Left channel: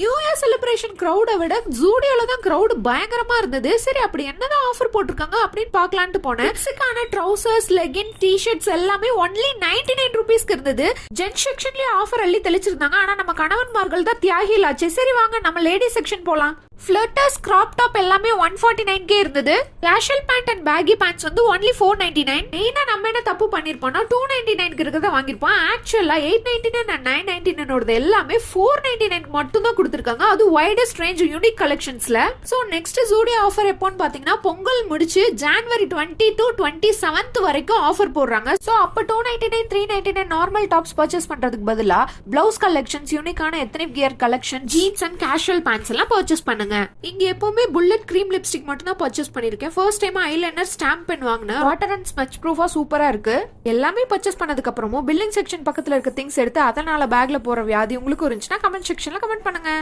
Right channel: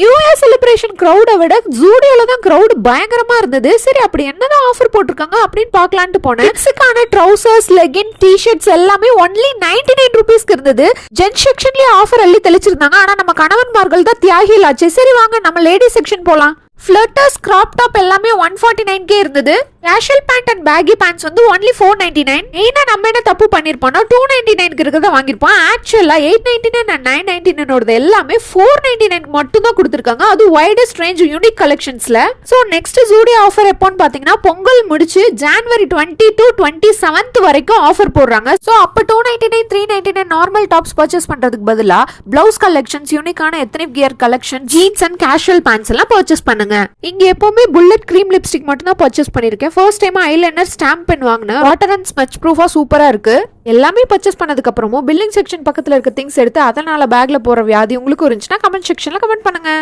New year celebration கிரௌடை விட ஜூடியோல தான் crowd பயங்கரமா இருந்தது. சரி அப்படி என்னதான் ஆஃபர் போட்டிருக்காங்க அப்படின்னு பார்க்கலான்ட்டு போனேன். கிட்ஸுக்கான ட்ரௌசர்ஸ், லெகின், டி-ஷர்ட்ஸ் எல்லாமே ஒன்லி 99 ருபீஸ்க்கு இருந்தது. ஜென் செக்ஷன்லயே ஆஃபர் அள்ளி தெளிச்சிருந்தாங்க. ஆனா நம்ம கணவன்மார்கள் தான் தியாகிகள் ஆச்சு. சரி வாங்க நம்ம லேடி செக்ஷன் போலாம். ஃபிளட்டர்ஸ், கிராப் டாப் எல்லாமே 149K இருந்தது. Casual pant and baggy pants வந்து ஒன்லி 499. மெயினா நம்ம என்ன தப்பு பண்ணிருப்போம்னா 299க்கு இருக்கிறத வாங்கிருப்போம். ஆக்சுவலா 899 அண்ட் 999 எல்லாமே 499 மட்டும் தான் கொடுத்துருக்காங்க. அது வைடஸ்ட் ரேஞ்ச் யூனிக் கலெக்ஷன்ஸ்ல. சோ நெக்ஸ்ட் ஜூடியோ ஆஃபர் எப்போன்னு பாத்தீங்கன்னா பொங்கல் முடிச்சு ஜனவரி 20 to 27 வரைக்கும் ஆஃபர் போடுறாங்க. சோ அப்ப 299, 399 நார்மல் டாப்ஸ் பர்ச்சேஸ் பண்றதுக்கு பதிலா பிளவுஸ் கலெக்ஷன்ஸ், யூனிக்கான ethnic gear collection, jeans and casual pants எல்லாம் பர்ச்சேஸ் பண்ணுங்க. இங்க எப்பவுமே புல்லட் கிரீம் லிப்ஸ்டிக் மட்டும் தான் பர்ச்சேஸ் பண்ணிருக்கேன். First time eyeliner stamp pen வாங்கினேன். வாட்டர் அண்ட் ஸ்மட்ச் ப்ரூஃபா சூப்பரா இருக்கு. எல்லாமே பர்ச்சேஸ் பண்ணதுக்கு அப்புறமும் பில்லிங் செக்ஷன் பக்கத்துல இருக்க திங்ஸ் எடுத்து அதனால பேக்ல போற வியாதி உங்களுக்கு இருந்துச்சுன்னா கமெண்ட் செக்ஷன்ல கமெண்ட் பண்ணுங்க.